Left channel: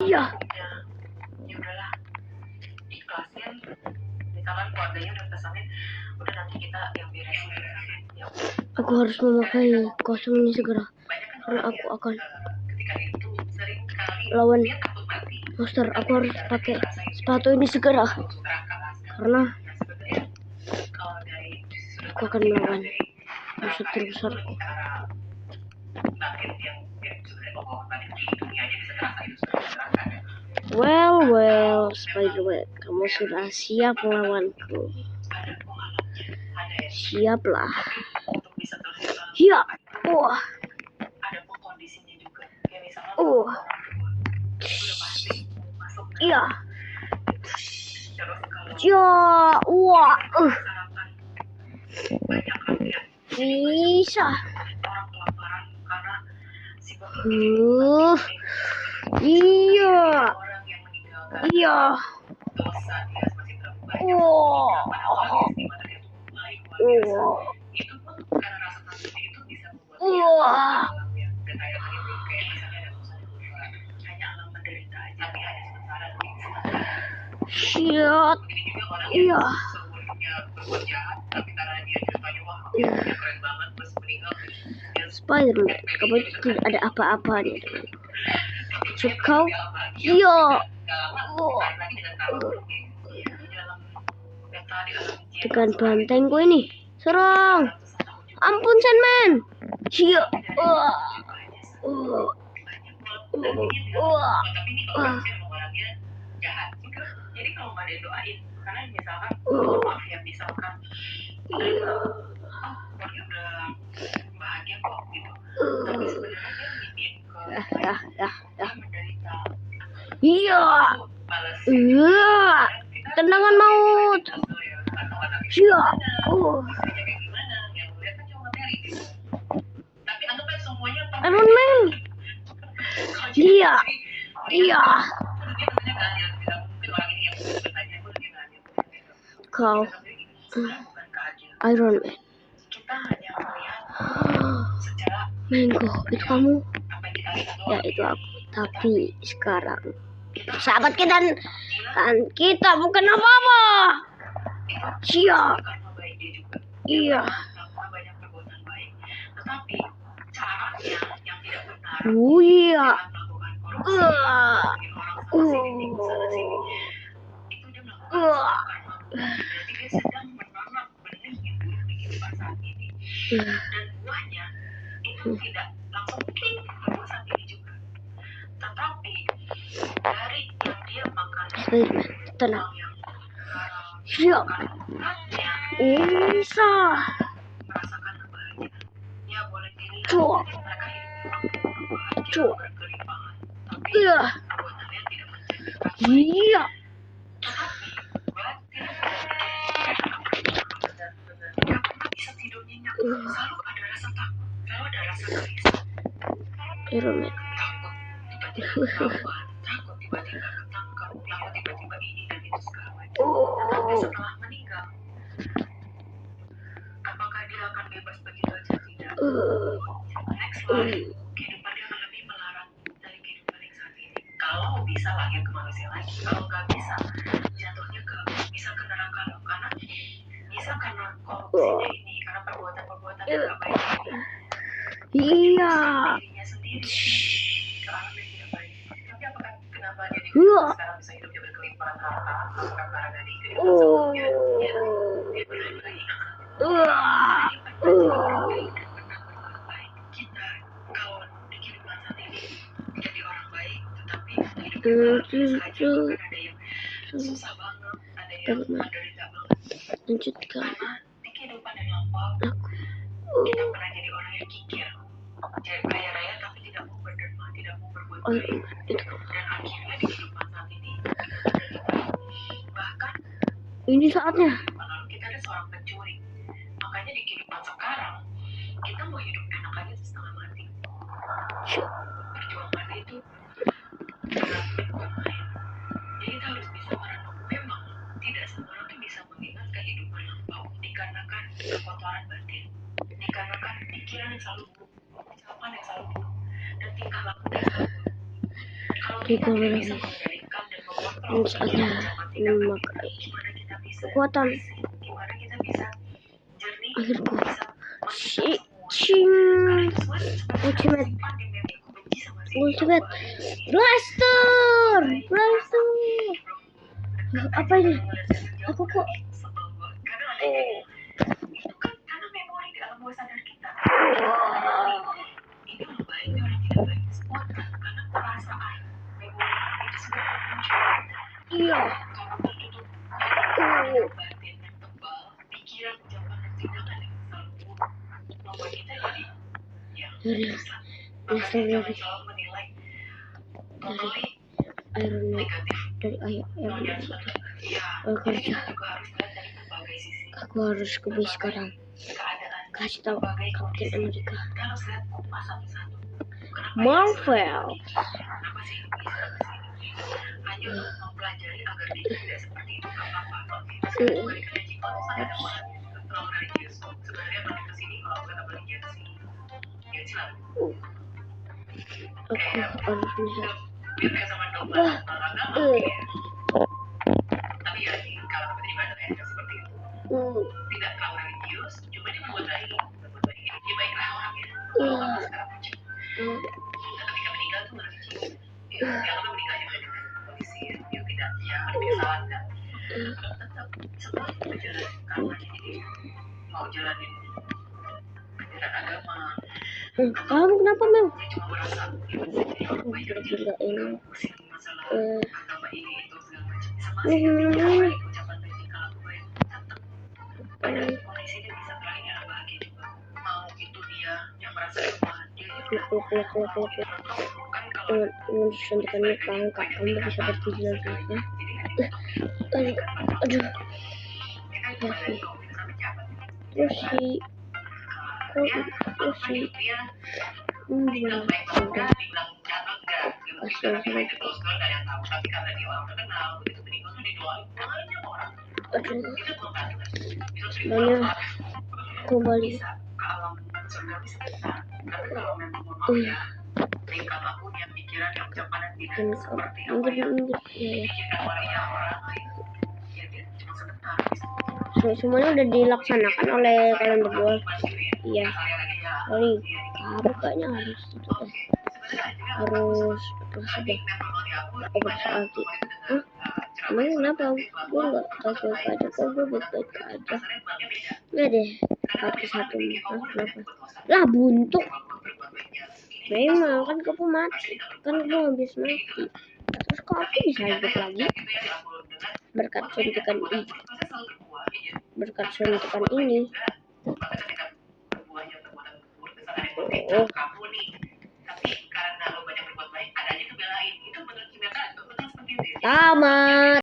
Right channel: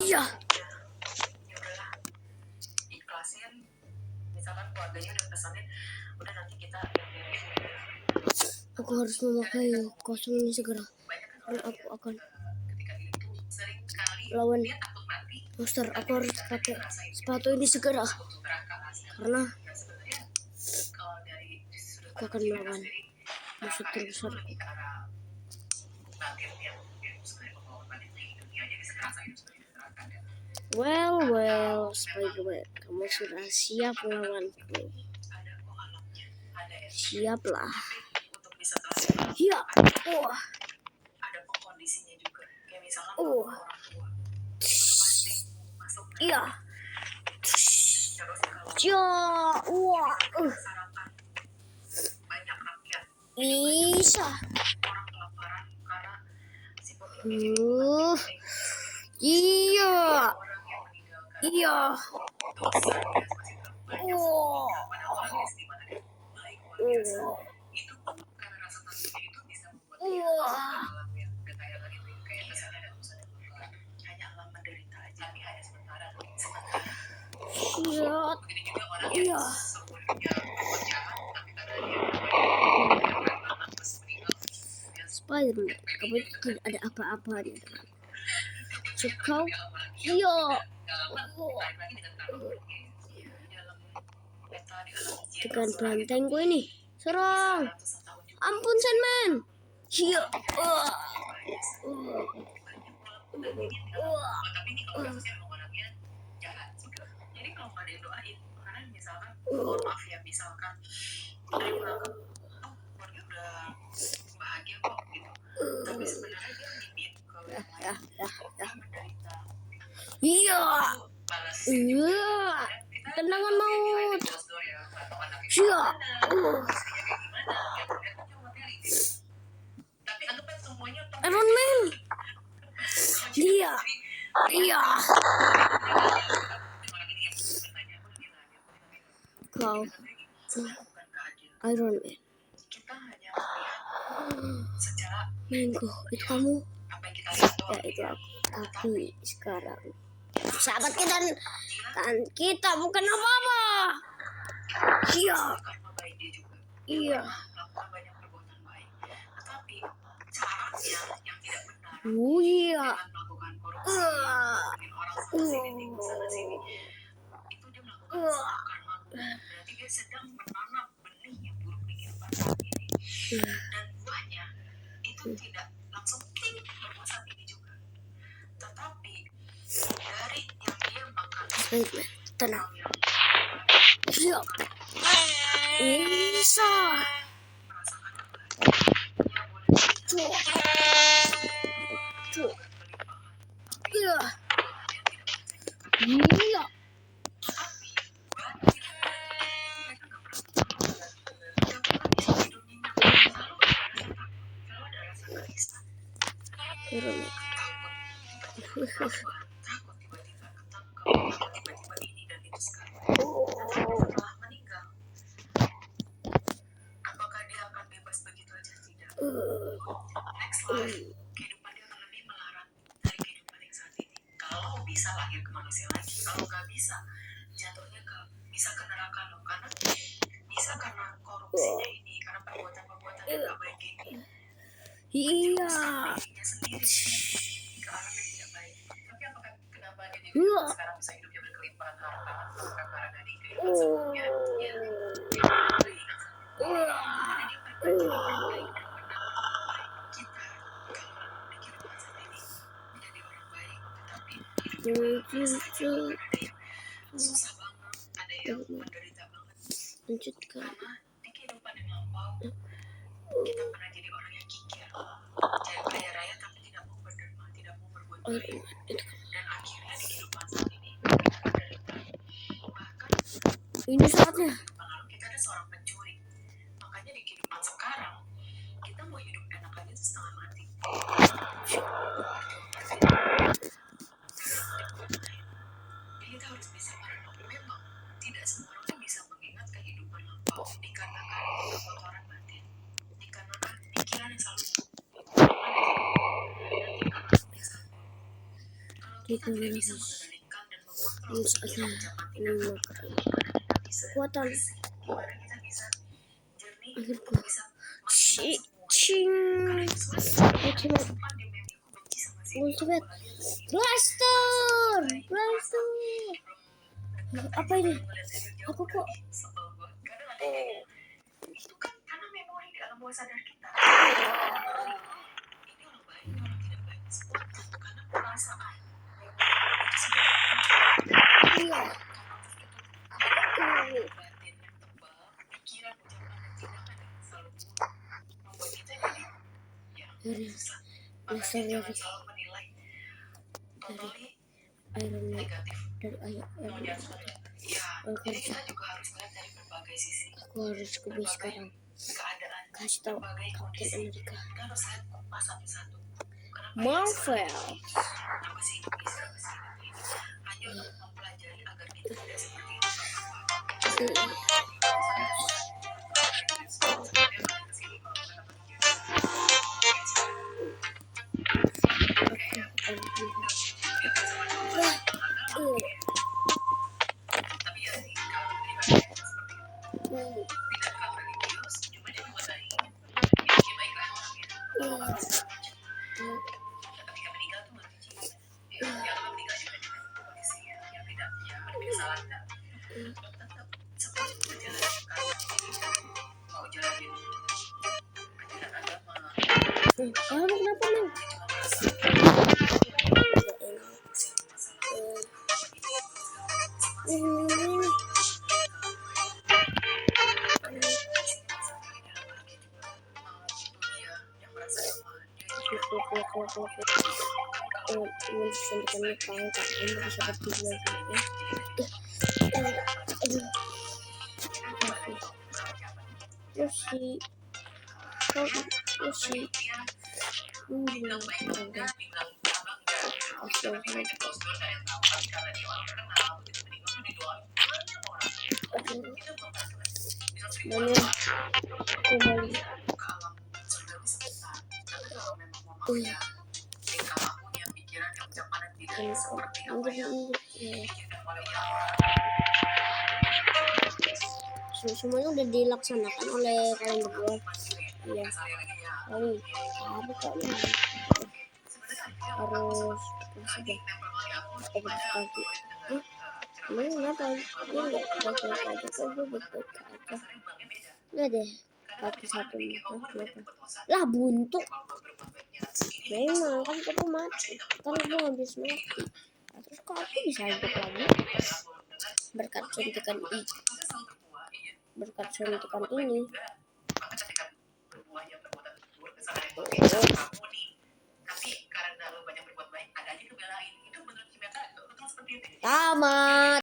Iya. Ya udahlah, ikhlasin. Misalkan keluarganya udah pesanin, udah nanti kita yang beres. Aku harus memakai kostum ini segera, karena aku akan lawan monster. Aku harus pakai sepatu ini segera, karena aku akan melawan musuh terbesarku. Well, Spiderman, kamu sudah siap melawanku? Siaplah. Ya, wah. Iya. Ja, wah. Bisa. Iya. Iya. Iya. Iya. Spiderman, kamu tidak ada apa-apanya denganku. Kau, iya. Tekan bantengku ini, serang. Ampun, Sandman. Iya. Jadi kalau nggak ada yang doain, karena misalkan maaf ya, misalkan keluarga udah bahagia kok gitu, tapi sebenarnya dia ngibin ke menderita. Iya. Tendangan maut. Iya. Iron Man. Iya. Iya. Kau Iron Man. Mango, itu kamu? Ya, itu aku. Tapi sekarang sahabat kita kan kita bukan apa-apa. Iya. Iya. Iya. Dan buahnya itu tidak langsung saat ini juga, tetapi dari yang dia makan tenang. Iya. Bisa. merasakan kebahagiaan, boleh Cuk. Iya. Iya. Iron Man. tiba-tiba ini dan itu sekarang. Tapi setelah meninggal, apakah dia akan bebas begitu aja? Tidak. Next life, kehidupan dia akan lebih melarang dari kehidupan yang saat ini. Kalau bisa lahir ke manusia lagi, kalau nggak bisa, jatuhnya bisa ke neraka loh, karena bisa karena korupsinya ini, karena perbuatan-perbuatan yang nggak baik ini. Iya. Dirinya sendiri ke alam yang tidak baik. Tapi apakah kenapa jadi sekarang bisa hidupnya berkelimpahan harta? Apakah karena dari kehidupan sebelumnya? Ya, kita kalau di kehidupan saat ini menjadi orang baik, tetapi hidupnya saja ada yang susah banget, ada yang menderita banget. Lanjutkan. Karena di kehidupan yang lampau kita pernah jadi orang yang kikir, jadi kaya raya tapi tidak mau berderma, tidak mau berbuat baik, dan akhirnya di kehidupan saat ini bahkan Ini saatnya. lalu kita ada seorang pencuri. Makanya di kehidupan sekarang kita mau hidup enak aja tuh setengah mati, berjuang mati. Jadi kita harus bisa merenung. Memang tidak semua orang bisa mengingat kehidupan lampau, dikarenakan kekotoran batin, dikarenakan pikiran yang selalu buruk, dan tingkah laku yang selalu buruk. Kalau Psikologis dan saatnya memakai kekuatan akhirku ultimate blaster. Apa ini? Aku kok Itu kan karena memori di alam bawah sadar kita. Ini loh baiknya orang tidak baik spontan karena perasaan memori itu sebenarnya iya. karena tertutup batin yang tebal, pikiran, ucapan dan tindakan yang selalu buruk membuat kita jadi Dari tersesat. blaster Makanya jangan dari selalu menilai totally Iron Man negatif. dari ayah Jangan selalu jadi kita juga harus melihat dari berbagai sisi, aku harus ke base sekarang. keadaan, Kasih tahu berbagai Captain kondisi. America. Kita harus lihat kupas satu-satu. Kenapa Marvel. Kenapa sih itu bisa ke sini? Hanya untuk mempelajari agar kita tidak seperti itu, nggak apa-apa. Sebenarnya kalau saya dapat religius, sebenarnya balik ke sini kalau bukan religius. Aku harus lihat. Beda sama coba, karena tapi ya di kalangan pribadi seperti itu. Tidak terlalu religius, cuma dia berbuat baik. Dia baiklah orangnya. Dan ketika meninggal tuh baru kecil. Dia kan meninggal juga dengan kondisi yang tidak ada kesalahan dan tetap semua berjalan karena mau jalanin ajaran agama. Kamu kenapa Mel? Dia cuma merasa Enggak ini. pusing masalah apa ini itu sama sih kondisi dia bisa terakhir ada bahagia juga. Mau itu dia yang merasa lemah, dia juga Ini suntikannya langka. Kamu bisa berdiri nanti. Aduh. Terus dibilang baik enggak, dibilang jahat enggak gitu. Karena dia itu close door gak ada yang tahu, tapi karena dia orang terkenal, begitu meninggal tuh didoain banyak orang. Itu belum tahu kan. Bisa seribuan orang. kembali Ke alam surgawi sebentar. Tapi kalau memang mau mau ya, tingkah lakunya, pikiran dan ucapan dan tidak seperti apa yang dipikirkan oleh yang orang. semuanya udah dilaksanakan oleh kalian berdua. Iya. Kali apa kayaknya harus sudah bersaati. Emang kenapa? Gue nggak baik-baik aja kok, gue baik-baik aja. Nggak deh, satu kenapa? Lah buntuk. Memang kan gue mati, kan gue habis mati. Terus kok aku bisa hidup lagi? Berkat suntikan ini. Berkat suntikan ini. Tamat.